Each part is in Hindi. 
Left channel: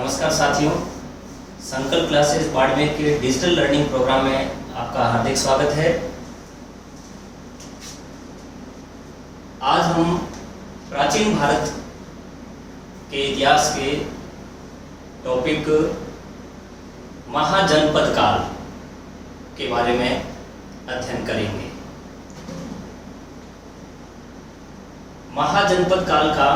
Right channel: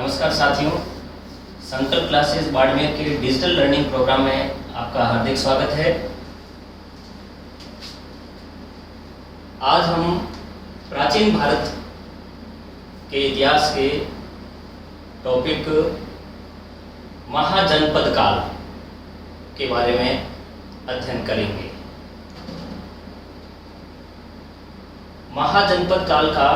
नमस्कार साथियों, संकल्प क्लासेस बाड़मेर के डिजिटल लर्निंग प्रोग्राम में आपका हार्दिक स्वागत है। आज हम प्राचीन भारत के इतिहास के टॉपिक महाजनपद काल के बारे में अध्ययन करेंगे। महाजनपद काल का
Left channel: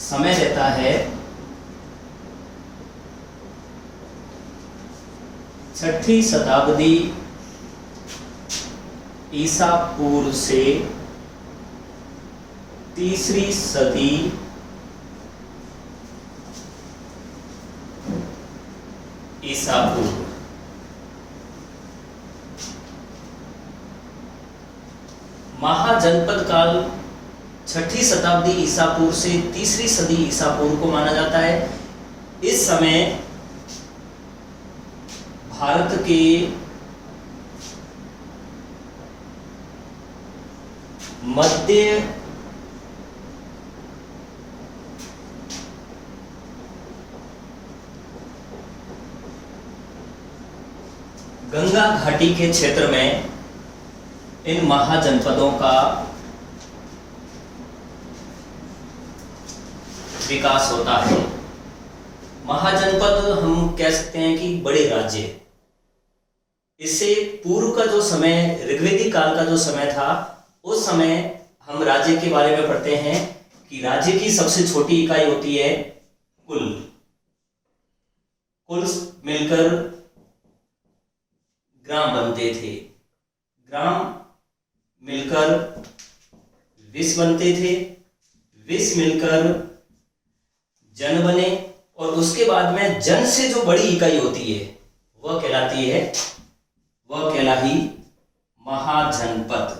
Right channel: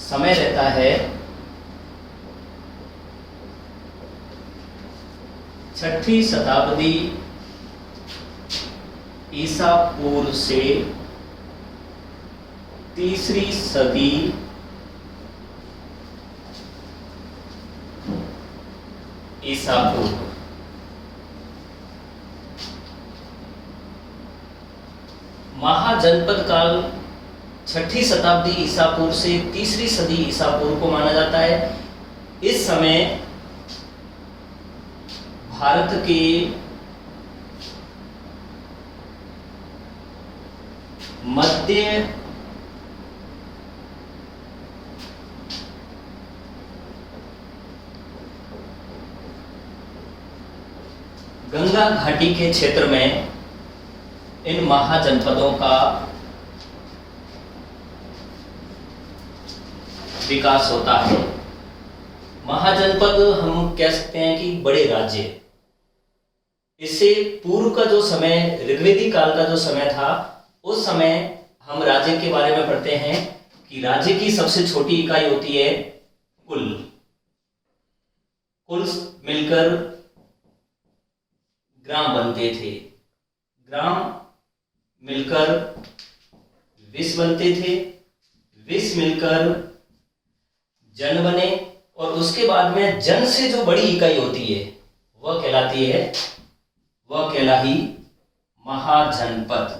समय रहता है 6ठी शताब्दी ईसा पूर्व से 3री सदी ईसा पूर्व। महाजनपद काल 6ठी शताब्दी ईसा पूर्व से 3री सदी ईसा पूर्व को माना जाता है। इस समय भारत के मध्य गंगा घाटी के क्षेत्र में इन महाजनपदों का विकास होता है। महाजनपद हम कह सकते हैं कि बड़े राज्य। इससे पूर्व का जो समय, ऋग्वेदिक काल का जो समय था, उस समय हम राज्य के बारे में पढ़ते हैं कि राज्य की सबसे छोटी इकाई होती है कुल। कुल मिलकर ग्राम बनते थे, ग्राम मिलकर विश्व बनते थे, विश्व मिलकर जन बने, और उसके बाद में जन से जो बड़ी इकाई होती है वह कहलाही महाजनपद।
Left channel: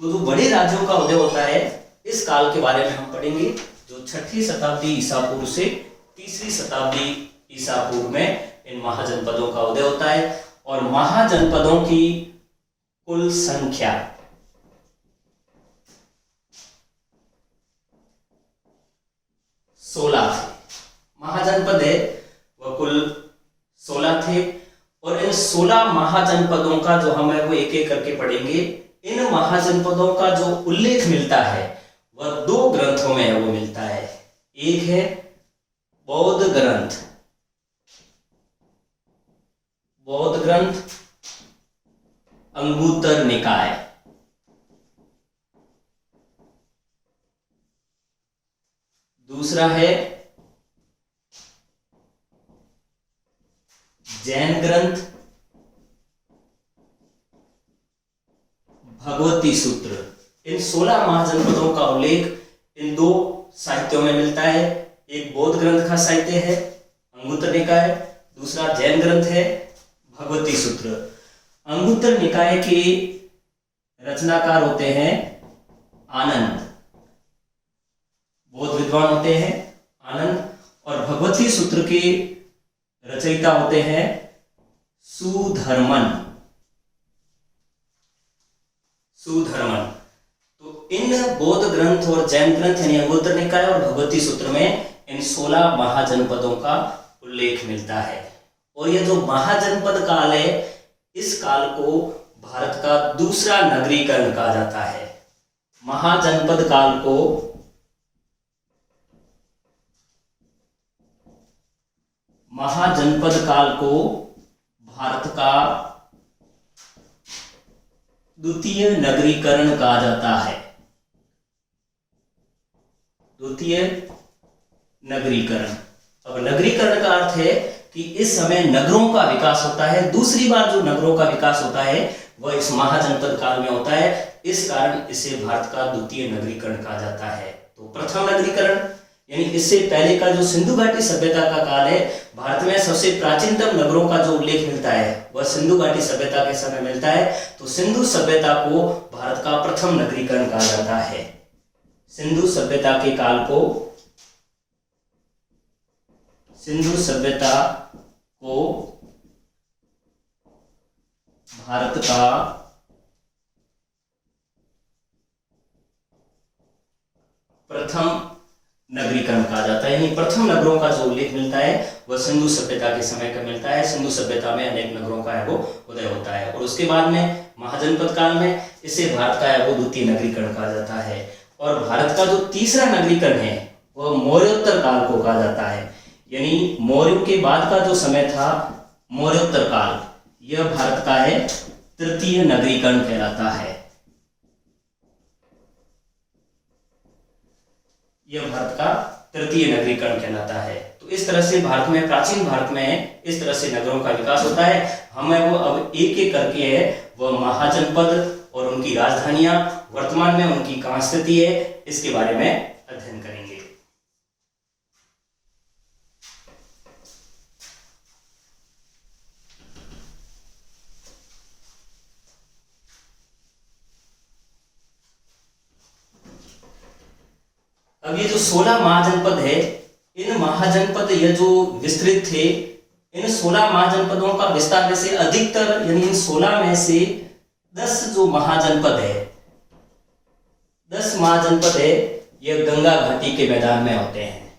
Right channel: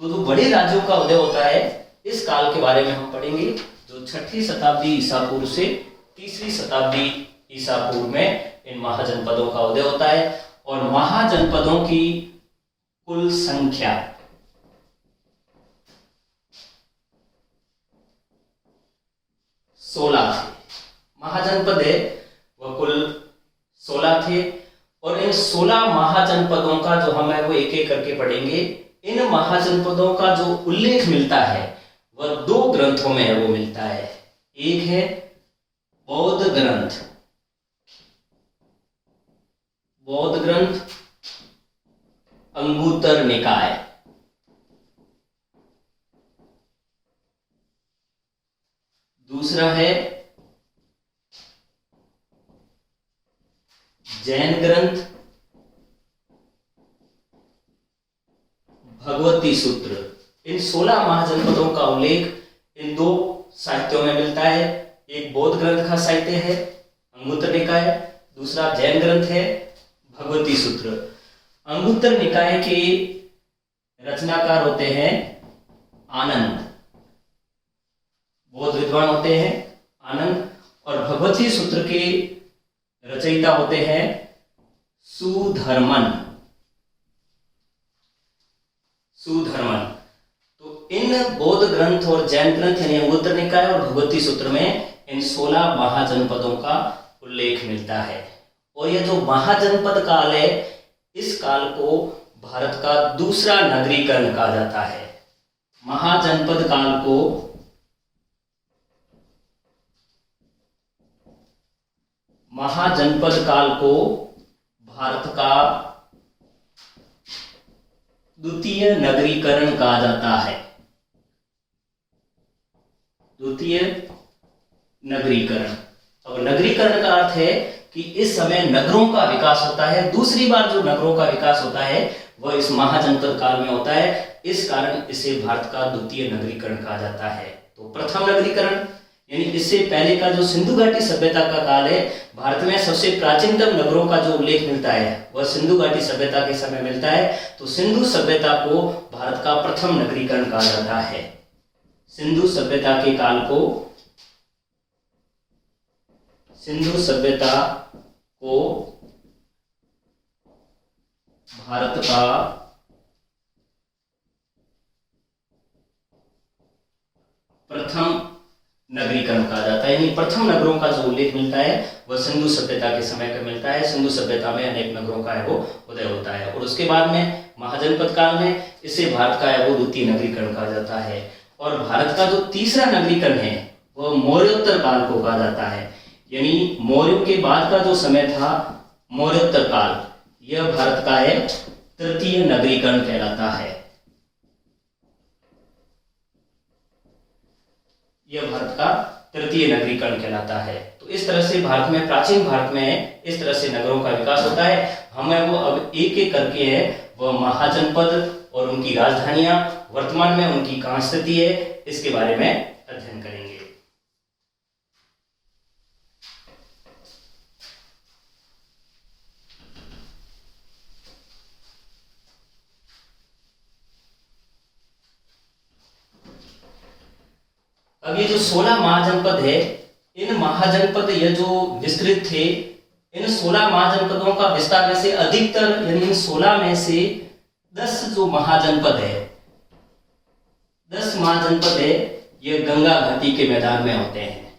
तो जो बड़े राज्यों का उदय होता है, इस काल के बारे में हम पढ़ेंगे, जो 6ठी शताब्दी ईसा पूर्व से 3री शताब्दी ईसा पूर्व में इन महाजनपदों का उदय होता है। और महाजनपदों की कुल संख्या 16 थे। महाजनपद है वह कुल 16 थे, और इन 16 महाजनपदों का जो हम है वो एक एक करके पढ़ेंगे। इन महाजनपदों का जो उल्लेख मिलता है वह 2 ग्रंथों में है, वो मिलता है। एक है बौद्ध ग्रंथ, बौद्ध ग्रंथ अंगुत्तर निकाय, दूसरा है जैन ग्रंथ भगवती सूत्र। इन 16 महाजनपदों का उल्लेख इन 2 साहित्यों में मिलता है। एक बौद्ध ग्रंथ का साहित्य है अंगुत्तर निकाय, दूसरा जैन ग्रंथ है भगवती सूत्र। अंगुत्तर निकाय के रचनाकार होते हैं आनंद, बौद्ध विद्वान होते हैं आनंद, और भगवती सूत्र के रचयिता होते हैं सुधर्मन। तो इन बौद्ध ग्रंथ और जैन ग्रंथ यानी अंगुत्तर निकाय और भगवती सूत्र में इन 16 महाजनपदों का उल्लेख मिलता है। और यह जो महाजनपद काल है, इस काल को भारत का दूसरा नगरीकरण कहा जाता है। महाजनपद काल को भारत का द्वितीय नगरीकरण कहा जाता है। द्वितीय नगरीकरण। अब नगरीकरण का अर्थ है कि इस समय नगरों का विकास होता है। दूसरी बार जो नगरों का विकास होता है वह इस महाजनपद काल में होता है। इस कारण इसे भारत का द्वितीय नगरीकरण कहा जाता है। तो प्रथम नगरीकरण यानी इससे पहले का जो सिंधु घाटी सभ्यता का काल है, भारत में सबसे प्राचीनतम नगरों का जो उल्लेख मिलता है वह सिंधु घाटी सभ्यता के समय मिलता है। तो सिंधु सभ्यता को भारत का प्रथम नगरीकरण कहा जाता है। सिंधु सभ्यता के काल को भारत का प्रथम नगरीकरण कहा जाता है। यानी प्रथम नगरों का जो उल्लेख मिलता है वह सिंधु सभ्यता के समय का मिलता है। सिंधु सभ्यता में अनेक नगरों का है वो उदय होता है, और उसके बाद में महाजनपद काल में इसे भारत का है वो द्वितीय नगरीकरण कहा जाता है। और भारत का जो तीसरा नगरीकरण है वह मौर्योत्तर काल को कहा जाता है। यानी मौर्यों के बाद का जो समय था मौर्योत्तर काल, यह भारत का है तृतीय नगरीकरण कहलाता है। यह भारत का तृतीय नगरीकरण कहलाता है। तो इस तरह से भारत में, प्राचीन भारत में इस तरह से नगरों का विकास होता है। हमें वो अब एक एक करके है वह महाजनपद और उनकी राजधानियां, वर्तमान में उनकी कहां स्थिति है, इसके बारे में अध्ययन करेंगे। अब ये जो 16 महाजनपद है, इन महाजनपद ये जो विस्तृत थे, इन 16 महाजनपदों का विस्तार में से अधिकतर, यानी इन 16 में से 10 जो महाजनपद है, 10 महाजनपद है, ये गंगा घाटी के मैदान में होते हैं।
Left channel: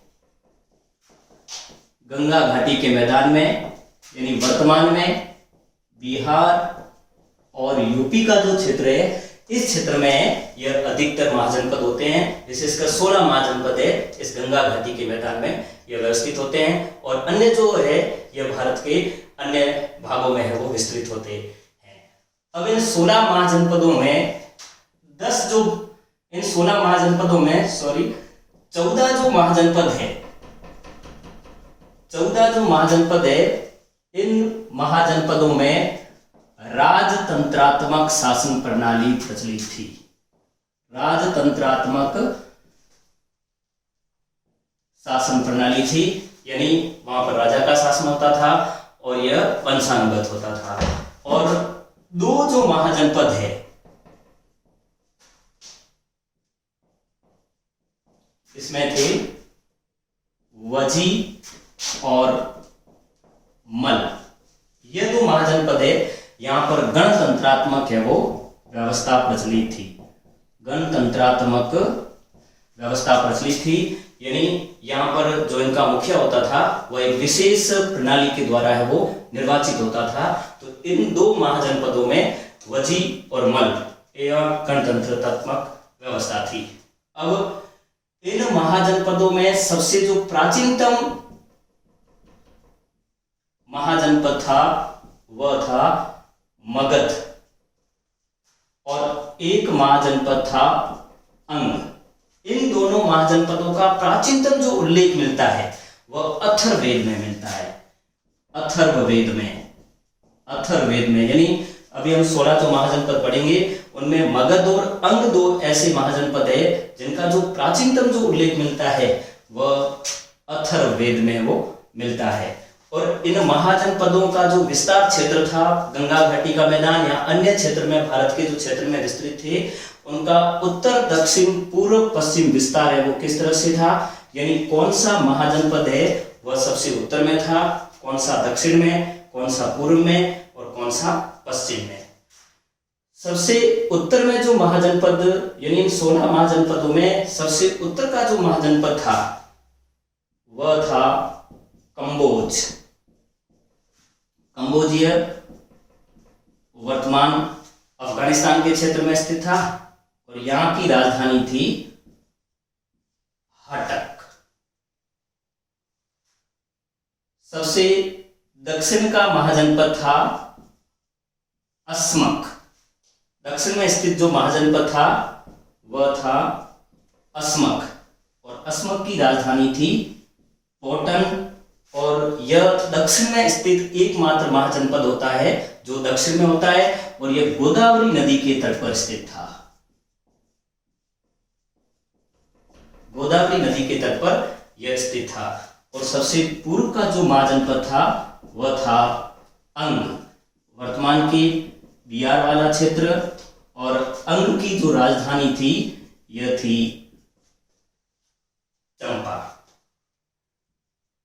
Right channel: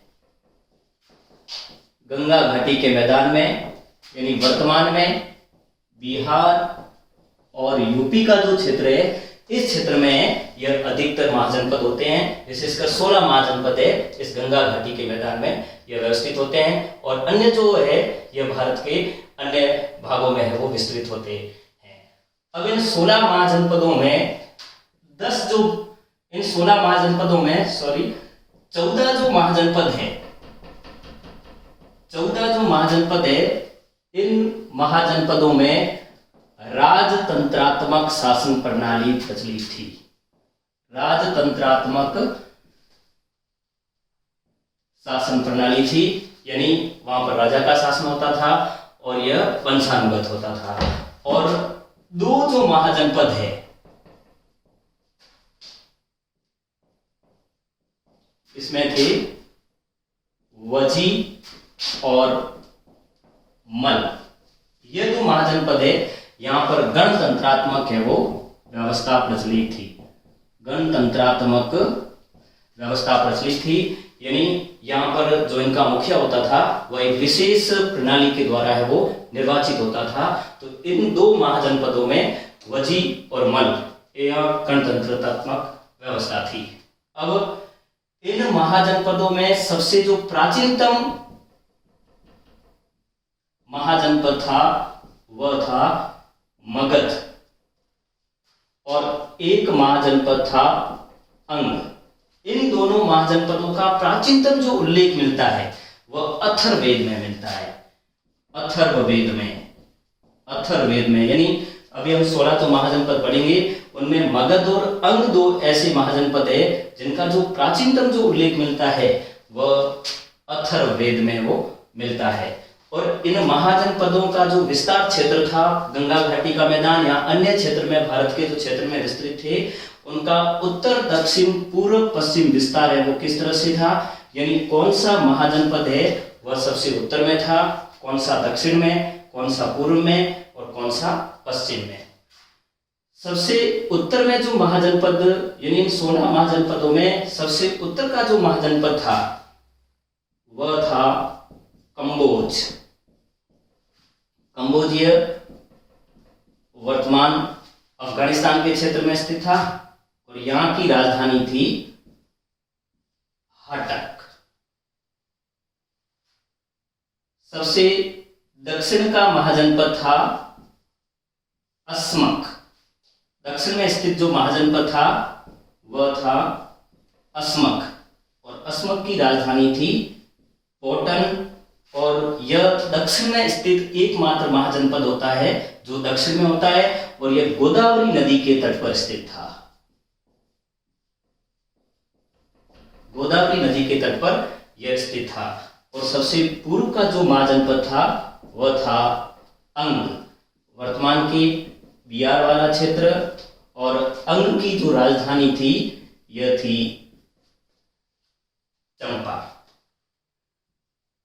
गंगा घाटी के मैदान में, यानी वर्तमान में बिहार और यूपी का जो क्षेत्र है, इस क्षेत्र में यह अधिकतर महाजनपद होते हैं। विशेषकर 16 महाजनपद है इस गंगा घाटी के मैदान में यह व्यवस्थित होते हैं, और अन्य जो है यह भारत के अन्य भागों में है वो विस्तृत होते हैं। अब इन 16 महाजनपदों में 14 जो महाजनपद है, 14 जो महाजनपद है, इन महाजनपदों में राजतंत्रात्मक शासन प्रणाली प्रचलित थी। राजतंत्रात्मक शासन प्रणाली थी, यानी वहां पर राजा का शासन होता था और यह वंशानुगत होता था। और 2 जो महाजनपद है, इसमें थे वजी और मल। ये 2 महाजनपद है, यहां पर गणतंत्रात्मक है वो व्यवस्था प्रचलित थी। गणतंत्रात्मक व्यवस्था प्रचलित थी, यानी यहां पर जो इनका मुखिया होता था वह एक विशेष प्रणाली के द्वारा है वो निर्वाचित होता था। तो इन 2 महाजनपदों में वजी और मल यह गणतंत्रात्मक व्यवस्था थी। अब इन महाजनपदों में सबसे जो प्राचीनतम महाजनपद था वह था मगध, और एक महाजनपद था अंग। इन दोनों महाजनपदों का प्राचीनतम जो उल्लेख मिलता है वह अथर्ववेद में मिलता है। अथर्ववेद में, यानी अभी हम 16 जो महाजनपद पढ़ेंगे उनमें मगध और अंग 2 ऐसे महाजनपद है जिनका जो प्राचीनतम जो उल्लेख मिलता है वह अथर्ववेद में वो मिलता है। और इन महाजनपदों का जो विस्तार क्षेत्र था, गंगा घाटी का मैदान या अन्य क्षेत्र में, भारत के जो क्षेत्र में विस्तृत थे, उनका उत्तर दक्षिण पूर्व पश्चिम विस्तार है वो किस तरह से था, यानी कौन सा महाजनपद है वह सबसे उत्तर में था, कौन सा दक्षिण में, कौन सा पूर्व में और कौन सा पश्चिम में। सबसे उत्तर में जो महाजनपद, यानी 16 महाजनपदों में सबसे उत्तर का जो महाजनपद था वह था कंबोज। कंबोजिया वर्तमान अफगानिस्तान के क्षेत्र में स्थित था और यहां की राजधानी थी हटक। सबसे दक्षिण का महाजनपद था अस्मक। दक्षिण में स्थित जो महाजनपद था वह था अस्मक, और अस्मक की राजधानी थी पोटन। और यह दक्षिण में स्थित एकमात्र महाजनपद होता है जो दक्षिण में होता है, और यह गोदावरी नदी के तट पर स्थित था। गोदावरी नदी के तट पर यह स्थित था। और सबसे पूर्व का जो महाजनपद था वह था अंग, वर्तमान के बिहार वाला क्षेत्र, और अंग की जो राजधानी थी यह थी चंपा।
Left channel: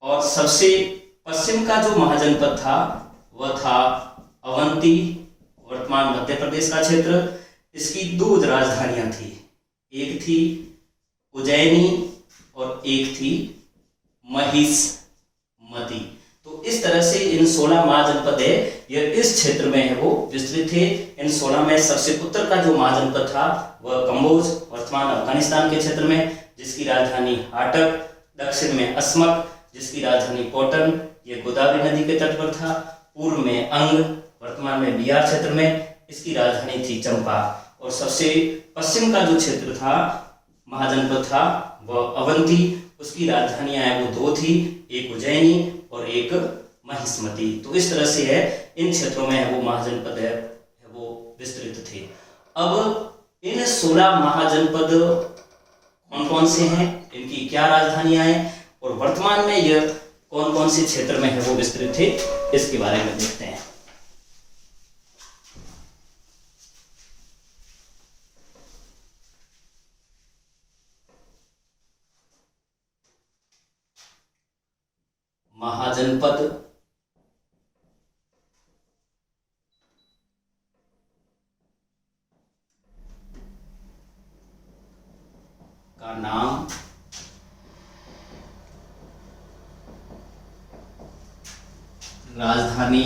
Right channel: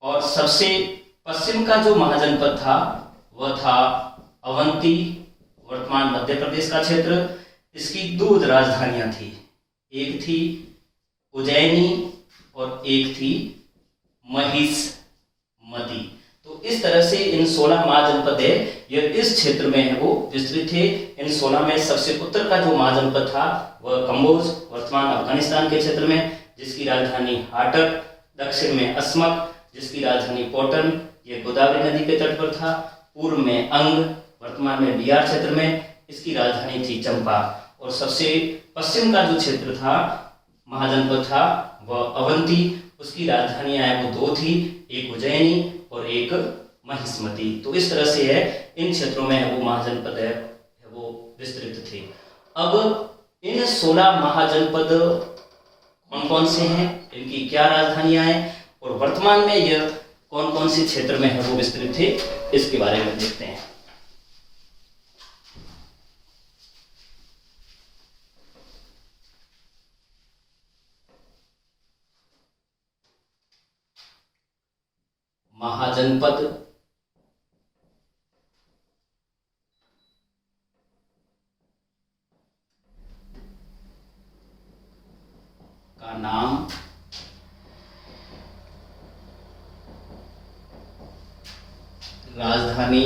और सबसे पश्चिम का जो महाजनपद था वह था अवंती, वर्तमान मध्य प्रदेश का क्षेत्र। इसकी 2 राजधानियां थी, एक थी उज्जैनी और एक थी महिष्मति। तो इस तरह से इन 16 महाजनपद है, यह इस क्षेत्र में है वो विस्तृत थे। इन 16 में सबसे उत्तर का जो महाजनपद था वह कम्बोज, वर्तमान अफगानिस्तान के क्षेत्र में, जिसकी राजधानी हाटक, दक्षिण में अस्मक, जिसकी राजधानी कोटन, ये गोदावरी नदी के तट पर था। पूर्व में अंग, वर्तमान में बिहार क्षेत्र में, इसकी राजधानी थी चंपा। और सबसे पश्चिम का जो क्षेत्र था, महाजनपद था, वह अवंती, उसकी राजधानियां हैं वो 2 थी, एक उज्जैनी और एक महिष्मति। तो इस तरह से है इन क्षेत्रों में वो महाजनपद है वो विस्तृत थे। अब इन 16 महाजनपद कौन कौन से हैं, इनकी क्या राजधानियां हैं और वर्तमान में यह कौन कौन से क्षेत्र में है वो विस्तृत थे, इसके बारे में देखते हैं। महाजनपद का नाम, राजधानी,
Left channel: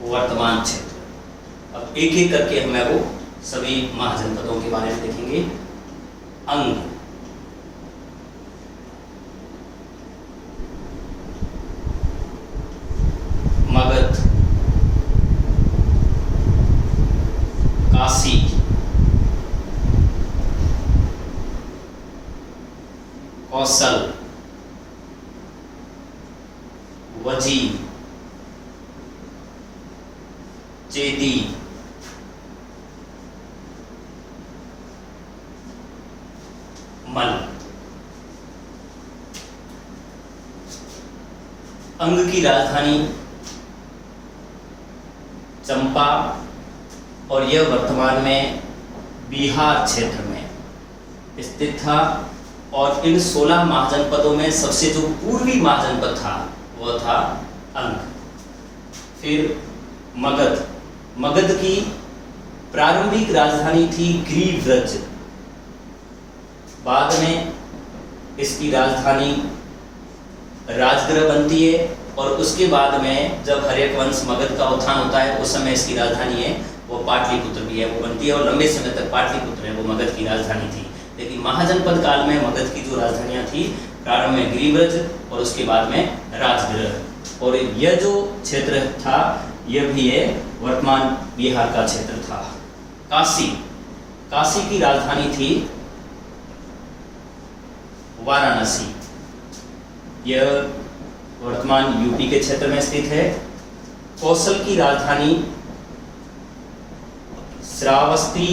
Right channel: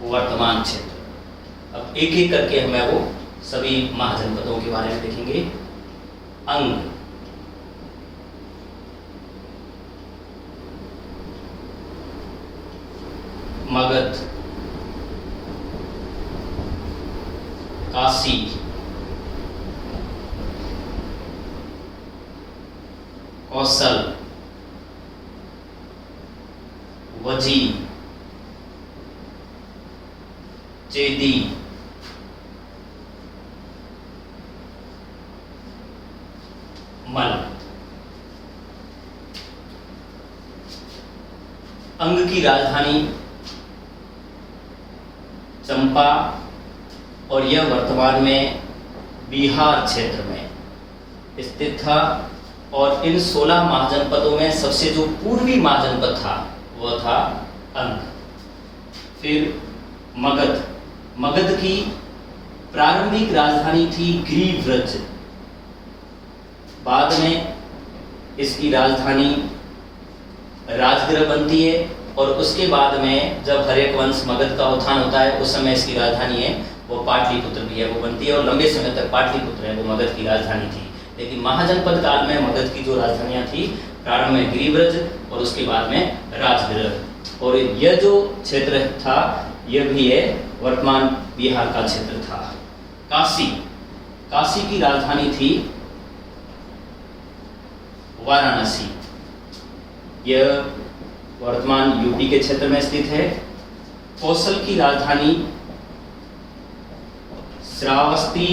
वर्तमान क्षेत्र। अब एक एक करके हमें वो सभी महाजनपदों के बारे में देखेंगे। अंग, मगध, काशी, कौशल, वजी, चेदी, मल। अंग की राजधानी चंपा और यह वर्तमान में बिहार क्षेत्र में स्थित था। और इन 16 महाजनपदों में सबसे जो पूर्वी महाजनपद था वह था अंग। फिर मगध, मगध की प्रारंभिक राजधानी थी ग्रीव्रज, बाद में इसकी राजधानी राजगृह बनती है और उसके बाद में जब हर्यक वंश मगध का उत्थान होता है उस समय इसकी राजधानी है वो पाटलिपुत्र भी है वो बनती है और लंबे समय तक पाटलिपुत्र है वो मगध की राजधानी थी। लेकिन महाजनपद काल में मगध की जो राजधानियां थी, प्रारंभ में गिरिव्रज और उसके बाद में राजगृह। और यह जो क्षेत्र था यह भी है वर्तमान बिहार का क्षेत्र था। काशी, काशी की राजधानी थी वाराणसी, यह वर्तमान यूपी के क्षेत्र में स्थित है। कौशल की राजधानी श्रावस्ती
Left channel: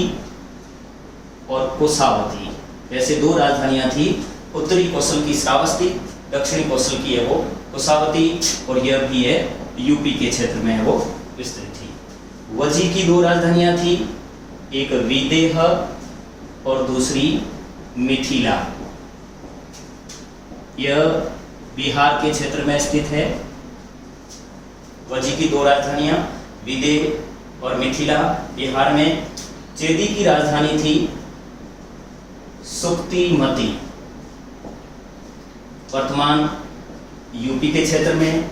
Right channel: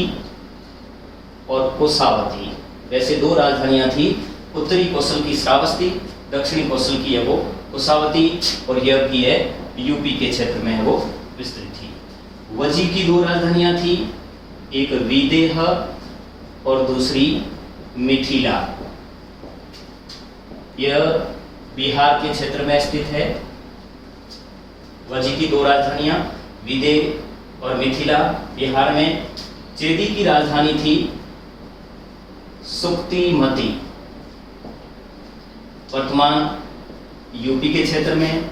और कोसावती, वैसे 2 राजधानियां थी, उत्तरी कौशल की श्रावस्ती, दक्षिणी कौशल की है वो कोसावती और यह भी है यूपी के क्षेत्र में है वो विस्तृत थी। वजी की 2 राजधानियां थी, एक विदेह और दूसरी मिथिला, यह बिहार के क्षेत्र में स्थित है। वजी की 2 राजधानियां विदेह और मिथिला बिहार में। चेदी की राजधानी थी सुक्तिमती, वर्तमान यूपी के क्षेत्र में।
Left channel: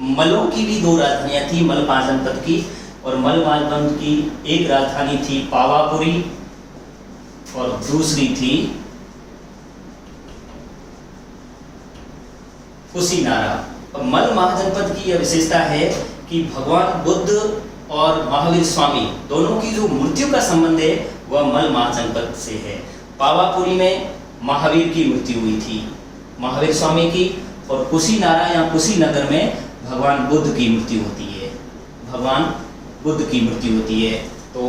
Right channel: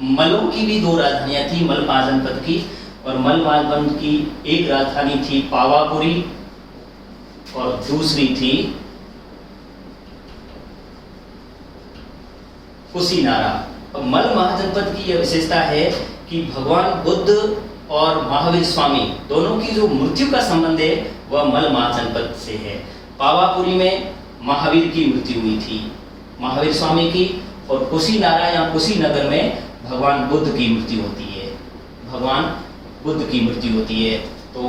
मलों की भी 2 राजधानियां थी मल महाजनपद की, और मल महाजनपद की एक राजधानी थी पावापुरी और दूसरी थी कुशीनारा। अब मल महाजनपद की यह विशेषता है कि भगवान बुद्ध और महावीर स्वामी दोनों की जो मृत्यु का संबंध है वह मल महाजनपद से है। पावापुरी में महावीर की मृत्यु हुई थी, महावीर स्वामी की, और कुशीनारा या कुशीनगर में भगवान बुद्ध की मृत्यु होती है, भगवान बुद्ध की मृत्यु होती है। तो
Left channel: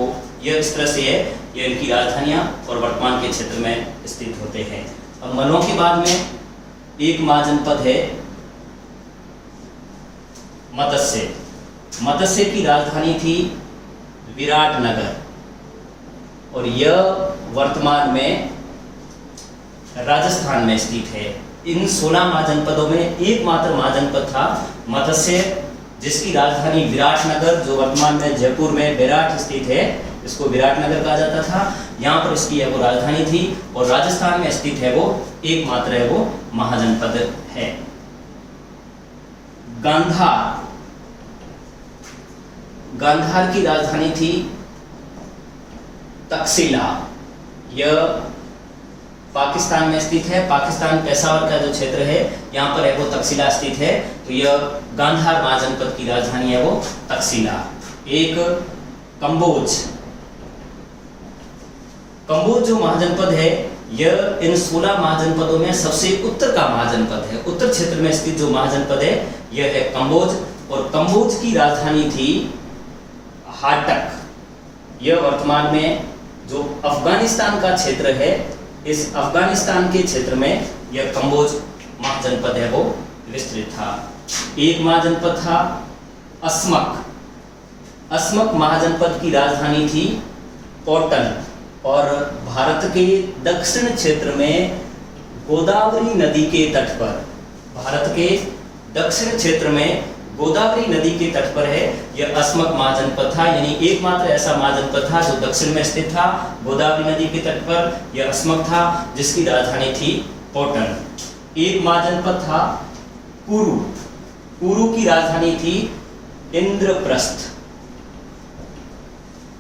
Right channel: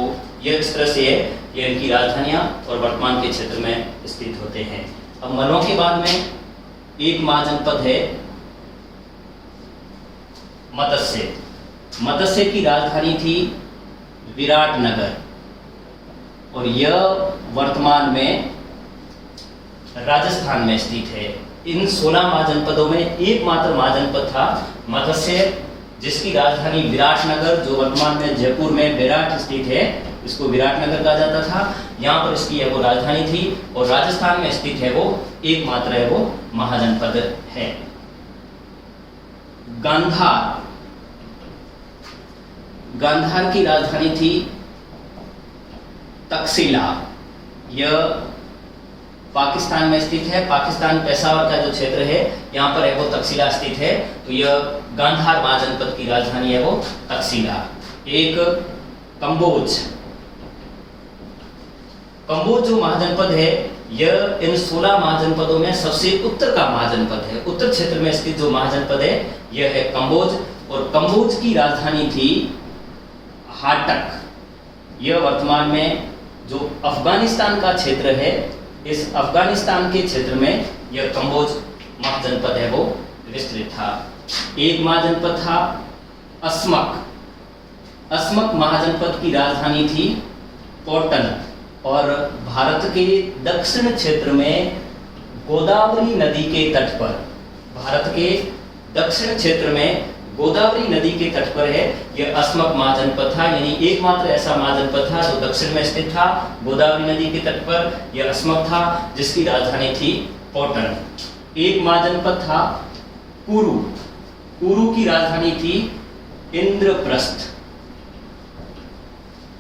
यह इस तरह से है, यह इनकी राजधानियां और वर्तमान के क्षेत्र में स्थित होते हैं। अब मलों के बाद में एक महाजनपद है मत्स्य। मत्स्य की राजधानी थी विराटनगर और यह वर्तमान में राजस्थान में स्थित है। इन 16 महाजनपदों में एकमात्र महाजनपद था मत्स्य, जिसकी राजधानी विराटनगर जो वर्तमान में जयपुर में विराट स्थित है, इसको विराटनगर कहा जाता था। यहाँ पर इसकी है वो राजधानी थी और राजस्थान में स्थित है वो एकमात्र है वो महाजनपद है। गांधार, गांधार की राजधानी थी तक्षशिला। यह पाकिस्तान में स्थित है। पाकिस्तान पेशावर का जो क्षेत्र है यहाँ पर है वो तक्षशिला स्थित है। तो यह गांधार महाजनपद की राजधानी है वो तक्षशिला। एक कंबोज, कंबोज जो महाजनपद है यह इन 16 महाजनपदों में सबसे उत्तर का महाजनपद है। उत्तर क्षेत्र में स्थित जो महाजनपद है यह है कंबोज और कंबोज की राजधानी थी हाटक। यह वर्तमान में जो अफगानिस्तान का क्षेत्र है, इस अफगानिस्तान के क्षेत्र में यह कंबोज महाजनपद है वो विस्तृत था। एक महाजनपद था अस्मक। अस्मक महाजनपद की राजधानी थी कॉटन और भारत के दक्षिण क्षेत्र में गोदावरी नदी के तट पर, भारत के दक्षिण क्षेत्र में गोदावरी नदी के तट पर है यह अस्मक महाजनपद था। यानी एकमात्र ऐसा महाजनपद था जो दक्षिण में स्थित था, गोदावरी नदी के तट पर यह अस्मक था, जिसकी राजधानी थी कॉटन। एक महाजनपद था कुरु। कुरु की राजधानी थी इंद्रप्रस्थ।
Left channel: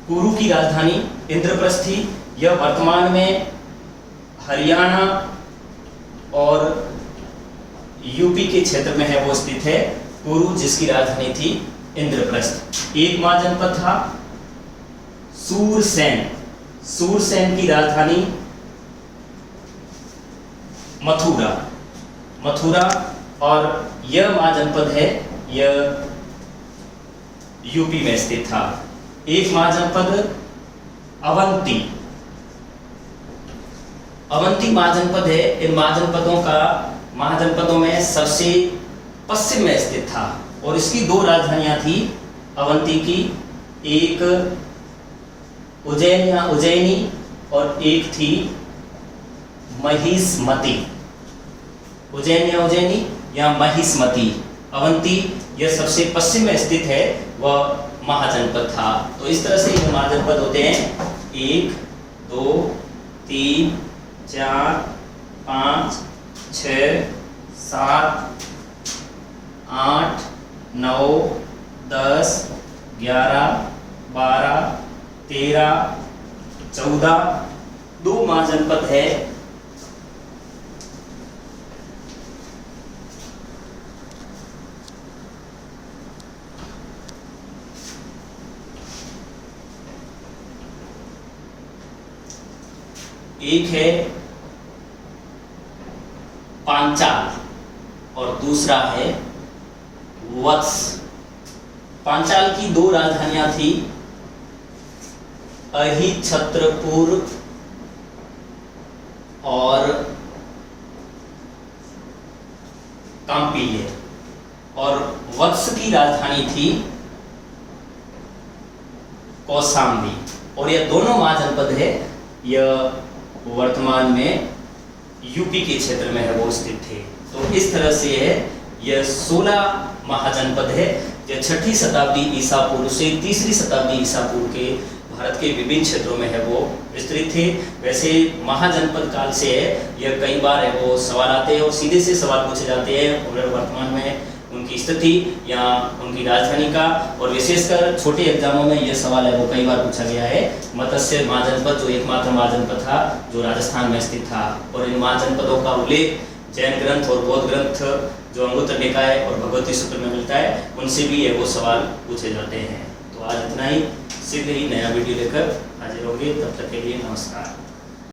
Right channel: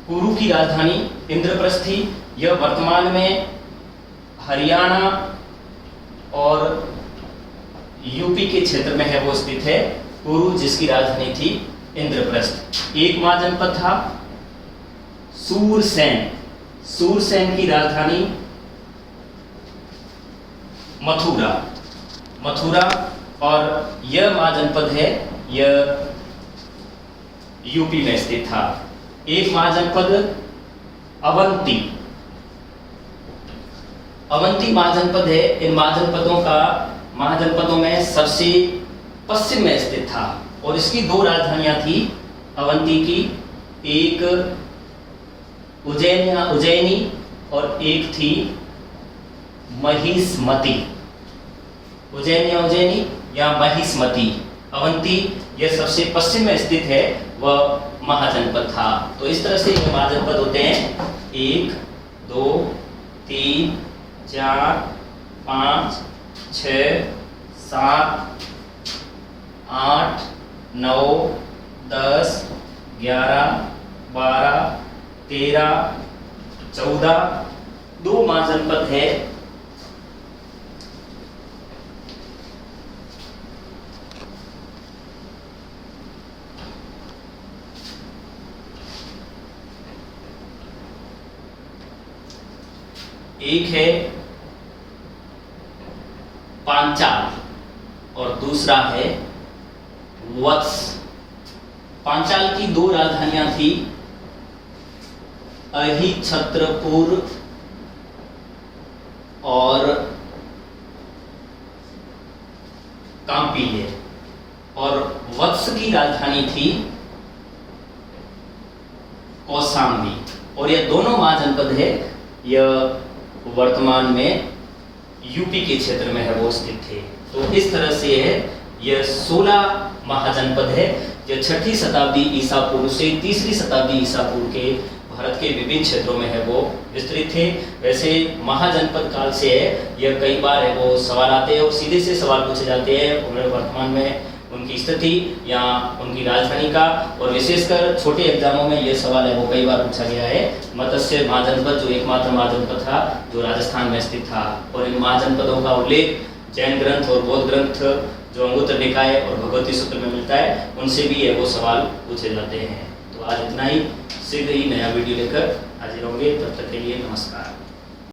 कुरु की राजधानी इंद्रप्रस्थ थी। यह वर्तमान में हरियाणा और यूपी के क्षेत्र में है वो स्थित है कुरु, जिसकी राजधानी थी इंद्रप्रस्थ। एक महाजनपद था सूरसेन। सूरसेन की राजधानी मथुरा। मथुरा और यह महाजनपद है यह यूपी में स्थित था। एक महाजनपद अवंती। अवंती महाजनपद है इन महाजनपदों में सबसे पश्चिम में स्थित था और इसकी 2 राजधानियां थी अवंती की, एक उज्जैनी और एक थी महिष्मती। उज्जैनी या महिष्मती। अवंती यह सबसे पश्चिम में स्थित है वह महाजनपद था। तो इस तरह से ये महाजनपद होते हैं 1 2 3 4 5 6 7 8 9 10 11 12 13 14 2 महाजनपद है एक है पांचाल और दूसरा है वत्स। पांचाल की 2 राजधानियां थी अहिछत्रपुर और कांपिल्य और वत्स की राजधानी थी कौशाम्बी। और यह दोनों महाजनपद है यह वर्तमान में यूपी के क्षेत्र में है वो स्थित थे। तो इस तरह से है यह 16 महाजनपद है। यह 6ठी शताब्दी ईसा पूर्व से 3री शताब्दी ईसा पूर्व के भारत के विभिन्न क्षेत्रों में है वो विस्तृत थे। वैसे महाजनपद काल से है यह कई बार है वो सवाल आते हैं और सीधे से सवाल पूछे जाते हैं और वर्तमान में उनकी स्थिति या उनकी राजधानी का, और विशेषकर छोटे एग्जामों में यह सवाल है वो कई बार पूछा गया है। मत्स्य महाजनपद जो एकमात्र महाजनपद था जो राजस्थान में स्थित था, और इन महाजनपदों का उल्लेख जैन ग्रंथ और बौद्ध ग्रंथ जो अंगुत्तर निकाय और भगवती सूत्र में मिलता है उनसे भी है वो सवाल पूछे जाते हैं। तो आज इतना ही, शीघ्र ही नया वीडियो लेकर हाजिर होंगे। तब तक के लिए नमस्कार।